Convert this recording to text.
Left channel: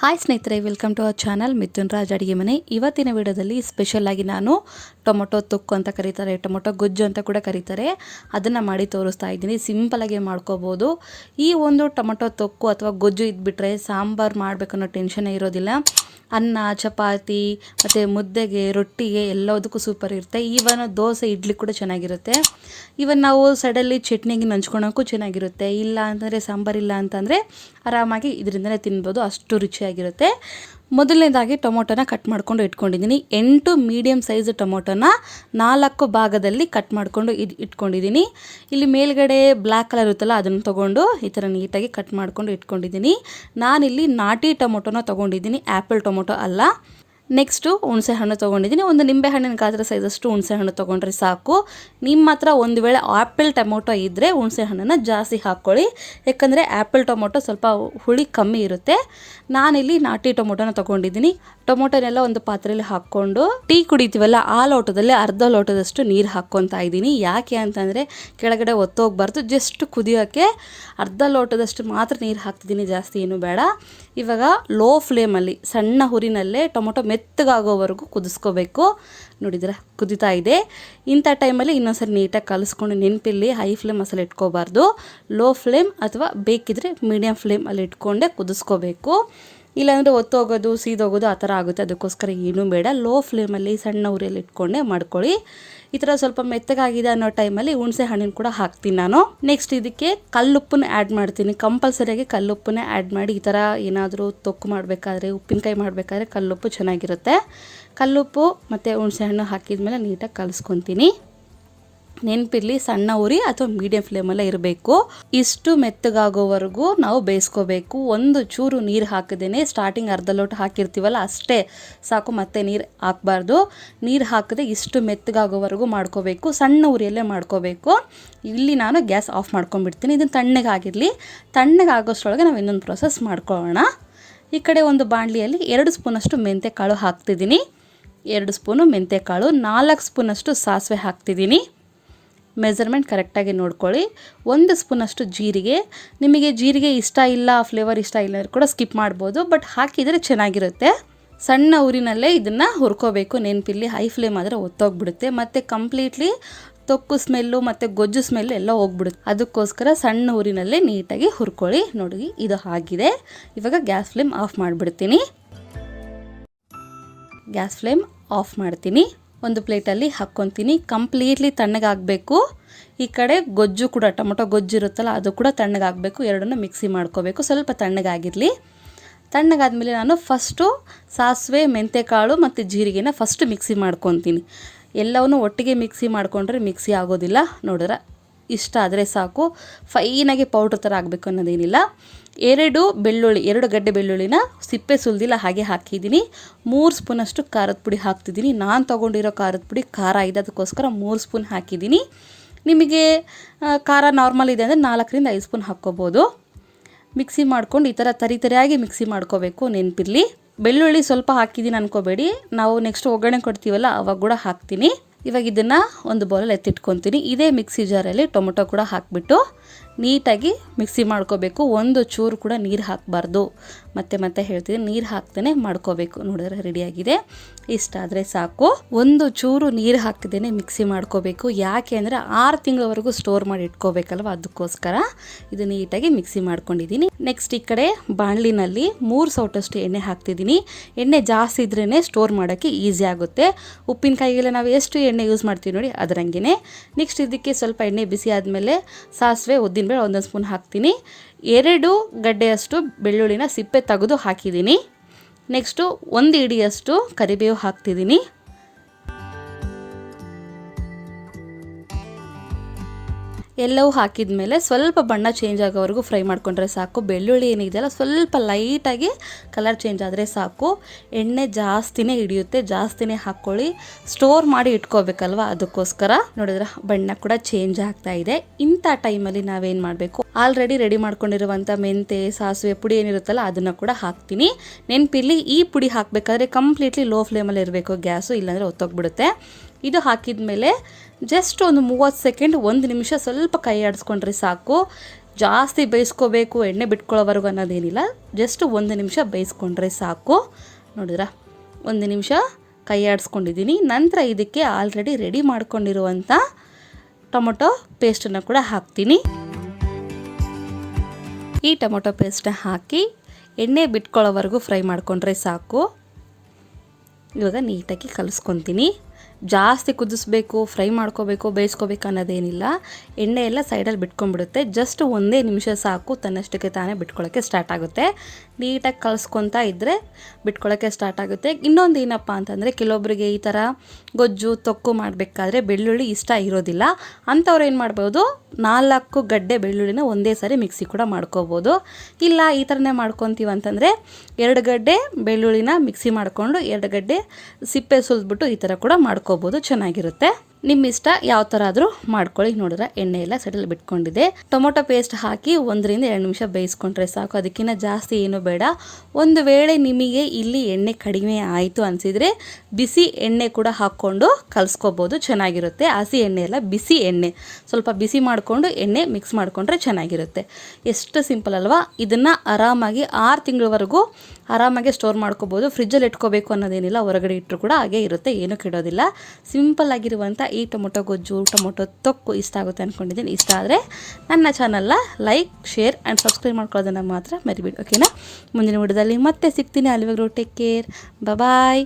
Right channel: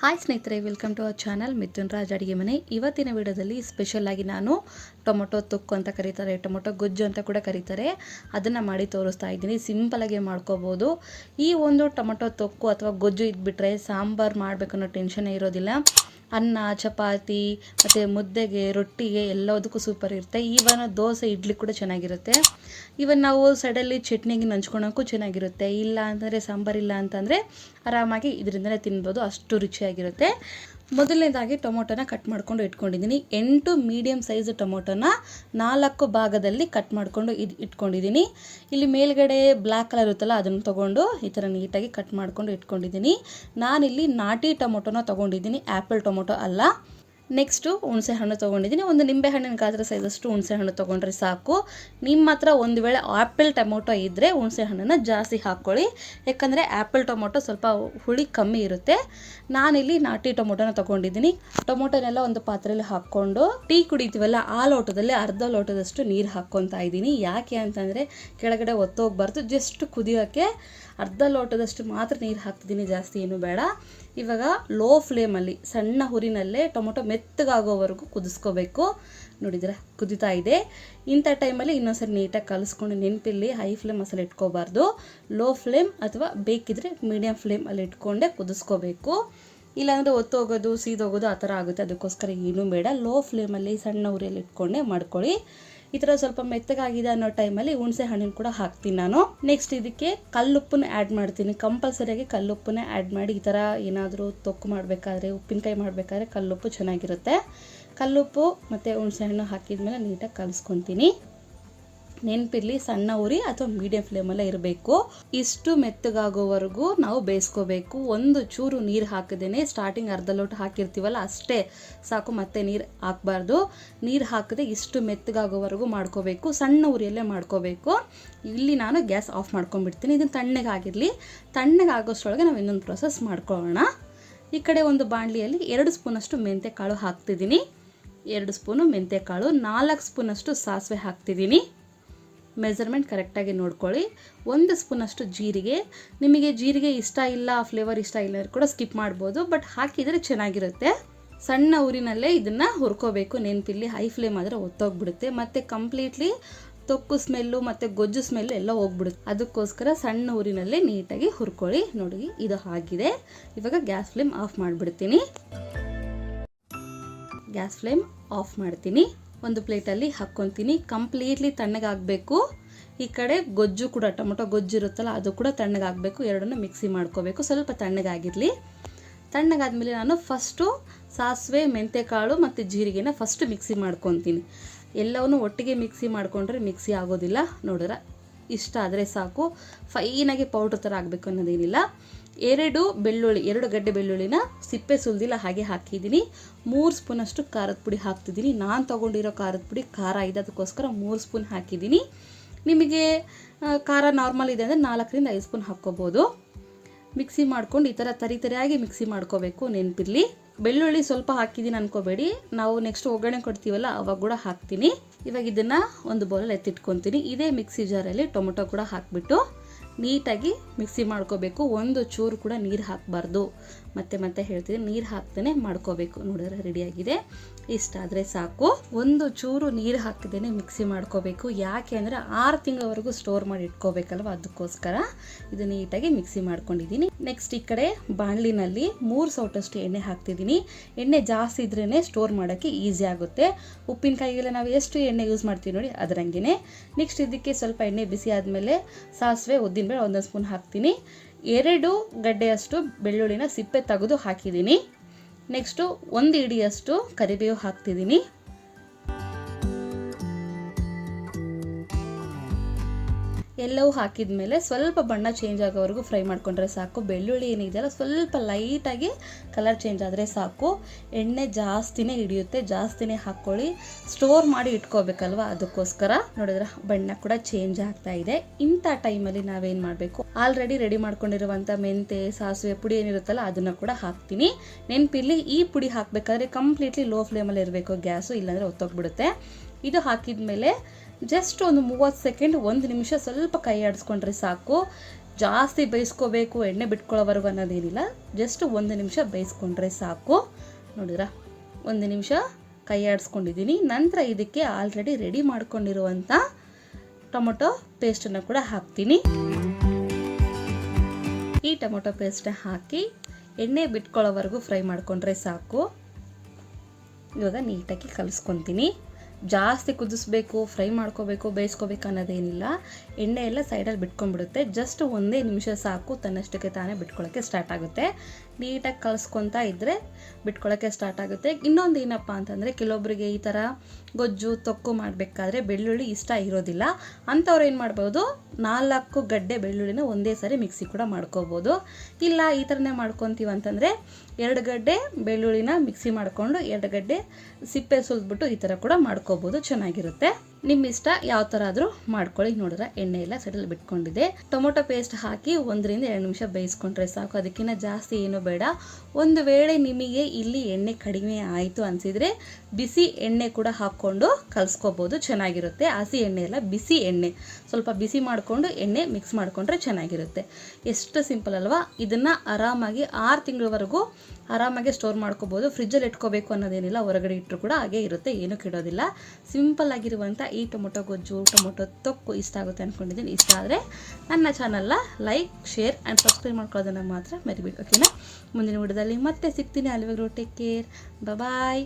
Hi ಸ್ನೇಹಿತರೆ, welcome to our channel Mithun Raj ಅಡುಗೆ ಮನೆ. ಇವತ್ತಿನ ವಿಡಿಯೋದಲ್ಲಿ ಸ್ಪೆಷಲ್ ಆಗಿ ನಾನು ಟೊಮೊಟೊ ತುಕ್ಕು ಅಂತ ಕರೀತಾರೆ, ಟೊಮೊಟೊ ಗೊಜ್ಜು ಅಂತ ಕೂಡ ಕರೀತಾರೆ. ಅದನ್ನು ಮಾಡಿ ತೋರಿಸ್ತಾ ಇದ್ದೀನಿ. ಸಿಂಪಲಾಗಿ ಮಾಡ್ಕೋಬೋದು. ಈ ಒಂದು ಟೊಮೊಟೊ ತೊಕ್ಕು ಅಥವಾ ಗೊಜ್ಜು ಇದ್ಬಿಟ್ರೆ ಸಾಂಬಾರು ಮಾಡಬೇಕನ್ನೋ ಟೆನ್ಷನ್ ಇರೋದಿಲ್ಲ. ಅನ್ನ, ಚಪಾತಿ, ಮತ್ತು ಮುದ್ದೆಗೆ, ರೊಟ್ಟಿಗೆ ಎಲ್ಲದಕ್ಕೂ ಸೂಪರ್ ಇರುತ್ತೆ. ಈವನ್ ದೋಸೆ, ಇಡ್ಲಿ ಕೂಡ ಚೆನ್ನಾಗಿರುತ್ತೆ. ಈವನ್ ನಾವು ಸೈಡಲ್ಲಿ ಚಟ್ನಿಗೆ ನಂಚ್ಕೊಳೋಕ್ಕೂ ಚೆನ್ನಾಗಿರುತ್ತೆ. ಇಲ್ಲ ಅಂತಂದರೆ ಸಾಂಬಾರಿಲ್ಲ ಅಂತಂದರೆ ಆರಾಮಾಗಿ ಇದರಿಂದಲೇ ತಿನ್ಬೋದು. ಅಷ್ಟು ರುಚಿಯಾಗಿರುತ್ತೆ. ಮೊದಲನೇದಾಗಿ ಟೊಮೊಟೊನ ಕಟ್ ಮಾಡ್ಕೊಂಡು ಇಟ್ಕೊಂಡಿದ್ದೀನಿ. ಎಂಟು ಮೀಡಿಯಮ್ ಸೈಜ್ ಟೊಮೊಟೊನ ನಾಲ್ಕು ಭಾಗದಲ್ಲಿ ಕಟ್ ಮಾಡಿಕೊಂಡು ಇದು ಇಟ್ಕೊಂಡಿದ್ದೀನಿ. ಇಲ್ಲಿ ಮೇಲ್ಗಡೆ ಬ್ಲ್ಯಾಕ್ ಕಲರ್ ಇರುತ್ತಲ್ಲ, ಅದನ್ನು ತೊಗೊಂಡು ಈ ಥರ ನೀಟಾಗಿ ಕಟ್ ಮಾಡಿಕೊಂಡು ಇಟ್ಕೊಂಡಿದ್ದೀನಿ. ನಾನಿಲ್ಲಿ ನಾಟಿ ಟೊಮೊಟೊನ ತೊಗೊಂಡಿದ್ದೀನಿ ಆ್ಯಪಲ್ ಟೊಮೊಟೊ ಅಲ್ಲ. ನೆಕ್ಸ್ಟು ಹುಣಸೆ ಹಣ್ಣು ತೊಗೊಂಡಿದ್ದೀನಿ. ಒಂದು ನಿಂಬೆ ಹಣ್ಣಿನ ಗಾತ್ರ ಸೈಜಷ್ಟು ಹುಣಸೆ ಹಣ್ಣು ತೊಗೊಂಡ್ರೆ ಸಾಕು. ನಿಮ್ಮ ಹತ್ರ ಒಂದು ವೇಳೆ ಆ್ಯಪಲ್ ಟೊಮೊಟೊ ಇದ್ದರೆ ಹುಣಸೆ ಹಣ್ಣನ್ನು ಜಾಸ್ತಿ ಹಾಕ್ಕೊಳ್ಳಿ. ಯಾಕಂದರೆ ಆ್ಯಪಲ್ ಟೊಮೊಟೊ ಸ್ವಲ್ಪ ಹುಳಿ ಕಮ್ಮಿ ಇರುತ್ತೆ. ನಾನಿಲ್ಲಿ ನಾಟಿ ಟೊಮೊಟೊನ ತೊಗೊಂಡಿದ್ದೀನಿ. ಟೊಮೊಟೊನೆಲ್ಲ ಒಂದು ಪಾತ್ರೆಯಲ್ಲಿ ಹಾಕ್ಕೊಂಡು ಟೀ ಕುಡಿತೀವಲ್ಲ, ಆ ಲೋಟದಲ್ಲಿ ಅರ್ಧ ಲೋಟದಷ್ಟು ನೀರು ಹಾಕ್ಕೊತಾ ಇದ್ದೀನಿ. ಯಾಕೆ ಅಂತಂದರೆ ಕೆಳಗಡೆ ಒತ್ತೋಗ್ಬಾರ್ದು. ಜಸ್ಟ್ ಕುದಿಯೋಕ್ಕೆ ಅರ್ಧ ಲೋಟದಷ್ಟು ಮಾತ್ರ ನೀರು ಹಾಕ್ತಿದ್ದೀನಿ. ಜಾಸ್ತಿ ಏನು ಬೇಡ. ಇವಾಗ ಲೋ ಫ್ಲೇಮಲ್ಲಿ ಸಣ್ಣ ಹುರಿನಲ್ಲೇ ಟೊಮೊಟೊ ಮೆತ್ತಗಾಗೋವರೆಗೂ ಕುದಿಸ್ಕೋಬೇಕು. ನೋಡಿದ್ರೆ ಕುದಿತಾ ಇದೆ. ಇಂಥ ಟೈಮಲ್ಲಿ ಇನ್ನೊಂದ್ಸರಿ ನೀಟಾಗಿ ಕಲಿಸ್ಕೊಂಡು ನೆನಪಿಲ್ಲಿ ಹೈ ಫ್ಲೇಮ್ ಅಸಲು ಇಟ್ಕೋಬಾರ್ದು. ಲೋ ಫ್ಲೇಮ್ ಅಥವಾ ಬೇಕಿದ್ರೆ ಮೀಡಿಯಮ್ ಫ್ಲೇಮಲ್ಲಿ ಇಟ್ಕೊಂಡೆ ಕುದಿಸ್ಕೋಬೇಕು. ಇಲ್ಲಾಂದರೆ ಒತ್ತೋಗೋದು, ಸೀದೋಗೋದು ಆ ಥರ ಆಗುತ್ತೆ. ಅದಕ್ಕೋಸ್ಕರ ಏನೂ ಬೇಡ. ಲೋ ಫ್ಲೇಮಲ್ಲಿ ಸಣ್ಣ ಉರಿಯಲ್ಲಿ ಇಟ್ಕೊಂಡೆ ಮಾಡ್ಕೊಳ್ಳಿ. ಈ ಥರ ಸ್ವಲ್ಪ ಮೆತ್ತಗಾಗಿದೆ ಅನ್ನೋ ಟೈಮಲ್ಲಿ ಹುಣಸೆ ಹಣ್ಣಿನ ಕೂಡ ಹಾಕ್ತೀನಿ ನಾನು. ನೆಕ್ಸ್ಟ್ ಇದಕ್ಕೆ ಕಲ್ಲುಪ್ಪನ್ನ ಆ್ಯಡ್ ಮಾಡ್ತೀನಿ. ಕಂಪಲ್ಸರಿಯಾಗಿ ಕಲ್ಲುಪ್ಪನ್ನ ಆ್ಯಡ್ ಮಾಡಿ ಈ ಥರ ಏನಾದರೂ ತೊಕ್ಕು ಮಾಡಬೇಕಾದ್ರೆ, ಉಪ್ಪಿನಕಾಯಿ ಮಾಡಬೇಕಾದ್ರೆ ಕಲ್ಲುಪ್ಪು ಚೆನ್ನಾಗಿರುತ್ತೆ. ಕಲ್ಲುಪ್ಪು ಮತ್ತು ಹುಣಸೆ ಹಣ್ಣು ಹಾಕಿದ ಮೇಲೆ ನೀಟಾಗಿ ಕಲಿಸ್ಕೊತೀನಿ. ನೆನಪಿರಲಿ ಸಣ್ಣ ಉರಿ ಅಥವಾ ಮೀಡಿಯಂ ಫ್ಲೇಮಲ್ಲೇ ಇರಬೇಕು. ಇಷ್ಟು ಮೆತ್ತಗಾಗೋವರೆಗೂ ನಾವು ಬೇಯಿಸ್ಕೋಬೇಕು. ಒಂದು ಚೂರು ನೀರು ಹಾಕದೇನೆ ಸ್ಟಾರ್ಟಿಂಗ್ ಅರ್ಧ ಲೋಟ ಹಾಕಿರ್ತೀವಲ್ಲ ಅಷ್ಟೇ ಸಾಕು, ಮತ್ತೆ ನೀರು ಹಾಕಬಾರ್ದು. ನೀರು ಹಾಕದೆ ಇಷ್ಟು ಮೆತ್ತಗಾಗೋವರೆಗೂ ಮಾಡ್ಕೋಬೇಕು. ಸಣ್ಣ ಉರಿಯಲ್ಲೇ ಮಾಡ್ಕೋಬೇಕು. ಇಲ್ಲಿ ನಾನು ಗ್ಯಾಸ್ ಆಫ್ ಮಾಡ್ಕೊಂಡ್ಬಿಡ್ತೀನಿ. ಇದನ್ನು ತಣ್ಣಗಾಗಿರಲಿ ತಣ್ಣಗಾಗೋಷ್ಟರೊಳಗೆ ನಾವು ಇನ್ನೊಂದು ಪ್ರೊಸೆಸ್ ಮಾಡ್ಕೊಳ್ಳೋಣ. ಈ ಕಡೆ ಒಂದು ಬಾಣಲಿಯಲ್ಲಿ ಎರಡು ಸ್ಪೂನಷ್ಟು ಕಾಳು ಹಾಕ್ತಿದ್ದೀನಿ. ಎರಡು ಸ್ಪೂನು ಮೆಂತೆ ಕಾಳು ನಾಲ್ಕು ಸ್ಪೂನಷ್ಟು ಸಾಸಿವೆ ಹಾಕ್ತಿದ್ದೀನಿ. ಮೆಜರ್ಮೆಂಟ್ ಕರೆಕ್ಟಾಗಿ ನೋಡ್ಕೊಳ್ಳಿ. ಒಂದು ಸ್ಪೂನಷ್ಟು ಜೀರಿಗೆ. ನಿಮಗೆ ಜೀರಿಗೆ ಇಷ್ಟ ಇಲ್ಲ ಫ್ಲೇವರ್ ಇಷ್ಟ ಇಲ್ಲ ಕೂಡ ಸ್ಕಿಪ್ ಮಾಡ್ಬೋದು ಬಟ್ ಹಾಕಿದರೆ ಚೆನ್ನಾಗಿರುತ್ತೆ. ಸಣ್ಣ ಊರಿನಲ್ಲೇ ಇದನ್ನು ಹುರ್ಕೋಬೇಕು. ನೆನಪಿಲ್ಲಿ ಹೈ ಫ್ಲೇಮ್ ಆದರೆ ಒತ್ತೋಗ್ಬಿಡುತ್ತೆ. ಮತ್ತು ಕಂಪ್ಲೀಟ್ಲಿ ತೊಕ್ಕು ಸ್ಮೆಲ್ಲು ಮತ್ತು ಗೊಜ್ಜು ಸ್ಮೆಲ್ಲು ಎಲ್ಲ ಹೋಗ್ಬಿಡುತ್ತೆ. ಅದಕ್ಕೋಸ್ಕರ ಸಣ್ಣ ಊರಿನಲ್ಲೇ ನೀಟಾಗಿ ಹುರ್ಕೊಳ್ಳಿ. ನೋಡಿ, ಇದು ಆಗಿದೆ. ಇವಾಗ ಗ್ಯಾಸ್ ಫ್ಲೇಮ್ ಆಫ್ ಮಾಡಿಬಿಡ್ತೀನಿ. ಗ್ಯಾಸ್ ಫ್ಲೇಮ್ ಆಫ್ ಮಾಡ್ತೀನಿ. ಒಂದು ಪ್ಲೇಟಲ್ಲಿ ಹಾಕ್ಕೊತೀನಿ. ಕಂಪ್ಲೀಟ್ಲಿ ತಣ್ಣಗಾಗಬೇಕು. ಈ ಕಡೆ ಗೊಜ್ಜು ಕೂಡ, ಟೊಮೊಟೊ ಗೊಜ್ಜು ಇರುತ್ತಲ್ಲ, ಅದು ಕೂಡ ತಣ್ಣಗಾಗಬೇಕು. ಎರಡನ್ನೂ ಮಿಕ್ಸಿ ಮಾಡ್ಕೋಬೇಕು. ಸ್ವಲ್ಪ ತಣ್ಣಗಾಗಿರಲಿ. ತಣ್ಣಗಾದಮೇಲೆ ನಾನು ಫಸ್ಟು ಸಾಸಿವೆ, ಮೆಂತೆಕಾಳು ಮತ್ತು ಜೀರಿಗೆನ ಫಸ್ಟ್ ಮಿಕ್ಸಿ ಮಾಡ್ಕೊತೀನಿ. ಎಲ್ಲವನ್ನೂ ಒಟ್ಟಿಗೆ ಮಿಕ್ಸಿ ಮಾಡಿಕೊಂಡ್ರೆ ಮಿಕ್ಸಿ ಆಗೋದಿಲ್ಲ. ನೋಡಿದ್ರೆ? ಇಷ್ಟ ಆದರೆ ಸಾಕು. ಫೈನಾಗಿ ಪೌಡ್ರ್ ಥರ ಆಗಬೇಕು ಅನ್ನೋದೇನಿಲ್ಲ. ಎರಡು ಬೆಳ್ಳುಳ್ಳಿ, ಎರಡು ಗಡ್ಡೆ ಬೆಳ್ಳುಳ್ಳಿನ ಸಿಪ್ಪೆ ಸುಲಿದಿಲ್ಲ, ಹಾಗೆ ಹಾಕಿದ್ದೀನಿ. ಮೂರು ಸ್ಪೂನಷ್ಟು ಖಾರದ ಪುಡಿ ಹಾಕ್ತಿದ್ದೀನಿ. ನಾನು ತೊಗೊಂಡಿರೋ ಖಾರದ ಪುಡಿ ಖಾರ ಇದೆ, ಅದಕ್ಕೋಸ್ಕರ ಮೂರು ಸ್ಪೂನ್ ಹಾಕಿದ್ದೀನಿ. ನಿಮಗೆ ಖಾರ ನಾರ್ಮಲ್ ಇದೆ ಅಂದರೆ ನಾಲ್ಕರಿಂದ ಐದು ಸ್ಪೂನ್ ಹಾಕ್ಕೋಬೋದು. ಮಿಕ್ಸಿ ಮಾಡ್ಕೊಂಡು ಈ ಥರ ತರಿ ತರಿಯಾಗಿ ಮಿಕ್ಸಿ ಮಾಡ್ಕೋಬೇಕು ನೆನಪಿರಲಿ. ಬೆಳ್ಳುಳ್ಳಿ ಸ್ವಲ್ಪ ಹಾಕಿದ್ದೀನಿ ಅನ್ಕೋಬೇಡಿ. ನಾವು ನೆಕ್ಸ್ಟ್ ಒಗ್ಗರಣೆ ಕೊಡ್ತೀವಲ್ಲ, ಅವಾಗ ಕೂಡ ಹಾಕ್ತೀನಿ. ಇವಾಗ ಇದನ್ನು ಒಂದು ಬೌಲಲ್ಲಿ ಎತ್ತಿಟ್ಕೊತೀನಿ. ಇದೇ ಮಿಕ್ಸಿ ಜಾರಲ್ಲಿ ಟೊಮೊಟೊ ಕೂಡ ಹಾಕಿಬಿಟ್ಟು ನೀಟಾಗಿ ಮಿಕ್ಸಿ ಮಾಡ್ಕೋಬೇಕು. ಒಂದು ಚೂರು ಕೂಡ ನೀರು ಹಾಕಬಾರ್ದು. ಮತ್ತೆ ಮತ್ತೆ ಹೇಳ್ತೀನಿ, ನೀರು ಹಾಕ್ತಾನೆ ಮಾಡ್ಕೋಬೇಕು. ನೋಡಿದ್ರೆ ರೆಡಿಯಾಗಿದೆ ಇಷ್ಟಾದರೆ ಸಾಕು. ಒಂದು ಚೂರು ನೀರು ಹಾಕಿದೇನೆ ಮಿಕ್ಸಿ ಮಾಡ್ಕೋಬೇಕು. ಯಾಕೆ ಅಂದರೆ ಆರು ತಿಂಗಳವರೆಗೂ ಸ್ಟೋರ್ ಮಾಡಿ ಇಟ್ಕೋಬೇಕಲ್ವ? ಅದಕ್ಕೋಸ್ಕರ ಇದು ನೀಟಾಗಿ ಮಿಕ್ಸಿ ಮಾಡ್ಕೊಂಡಿದ್ದೀನಿ ನೆಕ್ಸ್ಟ್ ಈ ಕಡೆ ಬಾಣಲಿನಲ್ಲಿ ಮೂರು ಸೌಟಷ್ಟು ಎಣ್ಣೆ ಹಾಕ್ತಿದ್ದೀನಿ ಎಣ್ಣೆ ಜಾಸ್ತಿ ಇದ್ರೇ ಸ್ಟೋರ್ ಮಾಡೋಕ್ಕೆ ಈಸಿ ಆಗುತ್ತೆ. ಉಪ್ಪಿನಕಾಯಿಗೆಲ್ಲ ನಾವು ಎಷ್ಟು ಎಣ್ಣೆ ಯೂಸ್ ಮಾಡ್ತೀವಿ ನೋಡಿ ಅದರಂಗೆ ನೆಕ್ಸ್ಟ್ ಇದಕ್ಕೆ ಸ್ವಲ್ಪ ಎಣ್ಣೆ ಬಿಸಿ ಆದಮೇಲೆ ಸಾಸಿವೆ, ಉದ್ದಿನಬೇಳೆ ಒಂದೊಂದು ಸ್ಪೂನ್ ಹಾಕ್ತೀನಿ. ಎರಡು ಗಡ್ಡೆಯಷ್ಟು ಬೆಳ್ಳುಳ್ಳಿನ ಸಿಪ್ಪೆ ತೆಗೆದು ಹಾಕಿದ್ದೀನಿ ನೆಕ್ಸ್ಟು ಒಂದು ಇಡಿಯಷ್ಟು ಕರಿಬೇವು ಹಾಕ್ತಿದ್ದೀನಿ. ಎಲ್ಲವೂ ಹಾಕಿದ ಮೇಲೆ ಸ್ವಲ್ಪ ಬಣ್ಣ ಚೇಂಜ್ ಆಗೋವರೆಗೂ ಫ್ರೈ ಮಾಡ್ಕೊಂಡ್ರೆ ಸಾಕು. ಬೆಳ್ಳುಳ್ಳಿ ಏನಿದೆಯಲ್ಲ, ಸ್ವಲ್ಪ ಲೈಟಾಗಿ ಕಲರ್ ಚೇಂಜ್ ಆದರೆ ಸಾಕು. ಎಣ್ಣೆ ಜಾಸ್ತಿನೇ ಹಿಡಿಯುತ್ತೆ, ಜಾಸ್ತಿನೇ ಹಾಕ್ಕೊಳ್ಳಿ ಸ್ಟೋರ್ ಮಾಡಿ ಇಟ್ಕೋಬೇಕಲ್ವ? ಅದಕ್ಕೋಸ್ಕರ ನೋಡಿದ್ರೆ ಬಣ್ಣ ಕೂಡ ಚೇಂಜ್ ಆಗ್ತಾ ಇದೆ. ಇಂಥ ಟೈಮಲ್ಲಿ ನಾವೇನು ಮಾಡಬೇಕು? ಆಲ್ರೆಡಿ ರೆಡಿ ಮಾಡ್ಕೊಂಡಿರುವಂಥ ಮೆಂತೆ, ಸಾಸಿವೆ ಪುಡಿ ಏನಿರುತ್ತಲ್ಲ, ಅದನ್ನು ಕೂಡ ಹಾಕ್ತೀನಿ. ನೆನಪಿಲ್ಲಿ ಈ ಪುಡಿ ಹಾಕಬೇಕಾದ್ರೆ ಕಂಪ್ಲೀಟ್ಲಿ ಲೋ ಫ್ಲೇಮಲ್ಲಿ ಇರಬೇಕು. ಗ್ಯಾಸು ಇಲ್ಲಾಂದರೆ ಒತ್ತೋಗ್ಬಿಡುತ್ತೆ. ಇದು ಹಾಕಿದ ಮೇಲೆ ಜಸ್ಟ್ ಒಂದು ಮೂವತ್ತು ಸೆಕೆಂಡ್ ಒಂದು ನಿಮಿಷ ಸ್ವಲ್ಪ ಕೈ ಆಡಿಸ್ಕೊಂಡ್ರೆ ಸಾಕು. ಜಾಸ್ತಿ ಬೇಯಿಸ್ಕೋಬೇಕು, ಎಣ್ಣೆ ಬಿಟ್ಕೊಳ್ಳೋವರೆಗೂ ಅನ್ನೋದೇನಿಲ್ಲ. ಜಸ್ಟ್ ಒಂದು ನಿಮಿಷ ಬೇಯಿಸ್ಕೊಂಡ್ರೆ ಸಾಕು. ನೋಡಿದ್ರಾ? ಒಂದು ನಿಮಿಷ ಕೈ ಆಡಿಸ್ಕೊಂಡಿದ್ದೀನಿ. ನಂತರ ಇದಕ್ಕೆ ಆಲ್ರೆಡಿ ರೆಡಿ ಮಾಡ್ಕೊಂಡಿರುವಂಥ ಟೊಮೊಟೊ ಪೇಸ್ಟನ್ನು ಕೂಡ ಹಾಕ್ತೀನಿ. ಈ ಟೊಮೊಟೊ ಪೇಸ್ಟನ್ನ ಹಾಕಿ ಎಣ್ಣೆ ಬಿಟ್ಕೊಳ್ಳೋವರೆಗೂ ಫ್ರೈ ಮಾಡಿಕೊಂಡ್ರೆ ಸಾಕು. ಇವಾಗ ನೀಟಾಗಿ ಕಲಿಸ್ಕೊತೀನಿ. ಜಾಸ್ತಿ ಕುದಿಸ್ಬೇಕು, ಫ್ರೈ ಮಾಡ್ಕೋಬೇಕು, ಬೇಯಿಸ್ಕೋಬೇಕು ಅನ್ನೋದೇನಿಲ್ಲ. ಎಣ್ಣೆ ಎಲ್ಲ ಸೈಡಲ್ಲಿ ಬಿಟ್ಕೊಂಡ್ಬಿಡುತ್ತೆ. ಜಸ್ಟ್ ಒಂದೇ ನಿಮಿಷ ಸಾಕು, ತನ್ನಷ್ಟಕ್ಕೆ ತಾನೇ ಬಿಟ್ಕೊಳ್ಳೋಕ್ಕೆ ಸ್ಟಾರ್ಟ್ ಆಗುತ್ತೆ. ನೀಟಾಗಿ ಕಲಿಸ್ಕೊತಾ ಇದ್ದರೆ ಬಿಟ್ಕೊಳ್ಳೋಕ್ಕೆ ಸ್ಟಾರ್ಟ್ ಆಗುತ್ತೆ. ಇನ್ನೊಂದು ಏನಪ್ಪ ಅಂತಂದರೆ ಕೆಲವೊಬ್ಬರಿಗೆ ಈ ಥರ ಗೊಜ್ಜು, ತೊಕ್ಕು ಮಾಡಬೇಕಾದ್ರೆ ಬೆಳ್ಳುಳ್ಳಿ ಇಷ್ಟ ಇರೋದಿಲ್ಲ. ಅಂಥವ್ರು ಏನು ಮಾಡ್ಬೋದು, ನಾಲ್ಕು ಗಡ್ಡೆ ಬೆಳ್ಳುಳ್ಳಿನ ಒಂದೇ ಸಾರಿ ಮಿಕ್ಸಿ ಕೂಡ ಮಾಡ್ಕೋಬೋದು. ಇಲ್ಲ, ಈ ಥರನೇ ಮಾಡ್ಕೊತೀವಿ ಅಂತಂದರೆ ಎರಡು ಗಡ್ಡೆ ಬೆಳ್ಳುಳ್ಳಿನ ಮಿಕ್ಸಿ ಮಾಡಿಕೊಂಡು ಎರಡು ಗಡ್ಡೆ ಸಿಪ್ಪೆ ಸುಲಿದ್ಬಿಟ್ಟು ಈ ಥರ ಕೂಡ ಮಾಡ್ಕೋಬೋದು. ಚೆನ್ನಾಗಿರುತ್ತೆ. ನಿಮ್ಮ ಇಷ್ಟ ಯಾವ ಥರ ಆದರೂ ಮಾಡ್ಕೊಳ್ಳಿ. ನೋಡಿದ್ರೆ ಎಣ್ಣೆ ಎಲ್ಲ ಸೆಟಲ್ ಬಿಟ್ಕೊಂಡಿದೆ. ಟೊಮೊಟೊ ಪೇಸ್ಟ್ ಹಾಕಿ ಒಂದರಿಂದ ಎರಡು ನಿಮಿಷ ಬೇಯಿಸ್ಕೊಂಡ್ರೆ ಸಾಕು. ಅದಕ್ಕಿಂತ ಜಾಸ್ತಿ ಏನು ಬೇಡ. ಒಂದು ವೇಳೆ ನಿಮಗೆ ಇಲ್ಲಿ ಎಣ್ಣೆ ಕಡಿಮೆ ಆಯಿತು ಅನಿಸಿದರೆ ಬಿಸಿ ಎಣ್ಣೆ ಕೂಡ ಹಾಕ್ಕೊಂಡು ಕಲಿಸ್ಕೋಬೋದು. ಚೆನ್ನಾಗಿರುತ್ತೆ. ಹಸಿ ಎಣ್ಣೆ ಎಲ್ಲ ಬಿಸಿ ಎಣ್ಣೆ. ಸ್ವಲ್ಪ ಬಿಸಿ ಮಾಡಿಕೊಂಡು ಎಣ್ಣೆ ಮಿಕ್ಸ್ ಮಾಡಿಕೊಂಡ್ರೆ ಚೆನ್ನಾಗಿರುತ್ತೆ. ಎಷ್ಟು ಸಿಂಪಲ್ ಅಲ್ವಾ? ಇದನ್ನು ಆರಾಮಾಗಿ ಆರು ತಿಂಗಳವರೆಗೂ ಆರಾಮಾಗಿ ಸ್ಟೋರ್ ಮಾಡ್ಕೋಬೋದು. ಫ್ರಿಜ್ಜಲ್ಲಿ ಇಟ್ಕೋಬೇಕು ಅನ್ನೋದೇನಿಲ್ಲ. ಹೊರಗಡೆ ಇಟ್ಟರು ಕೂಡ ಹಾಗೆ ಇರುತ್ತೆ. ಏನೂ ಕೆಡೋದಿಲ್ಲ. ಸಿಂಪಲ್ ಆಗಿರುವಂಥ ಈ ಟೊಮೊಟೊ ಗೊಜ್ಜು, ಟೊಮೊಟೊ ತೊಕ್ಕು ಇಷ್ಟ ಆಗುತ್ತೆ ಅಂದ್ಕೊಂಡಿದ್ದೀನಿ ಇಷ್ಟ ಆದರೆ ನನ್ನ ಚಾನಲ್ನ ಲೈಕ್ ಶೇರ್ ಆ್ಯಂಡ್ ಸಬ್ಸ್ಕ್ರೈಬ್ ಮಾಡ್ಕೊಳ್ಳೋದನ್ನು ಮಾತ್ರ ಮರಿಬೇಡಿ ಓಕೆನಾ ಮುಂದಿನ ವಿಡಿಯೋದಲ್ಲಿ ಮತ್ತೆ ಸಿಗ್ತೀನಿ. ಅಲ್ಲಿವರೆಗೂ ಟೇಕ್ ಕೇರ್ ಬಾಯ್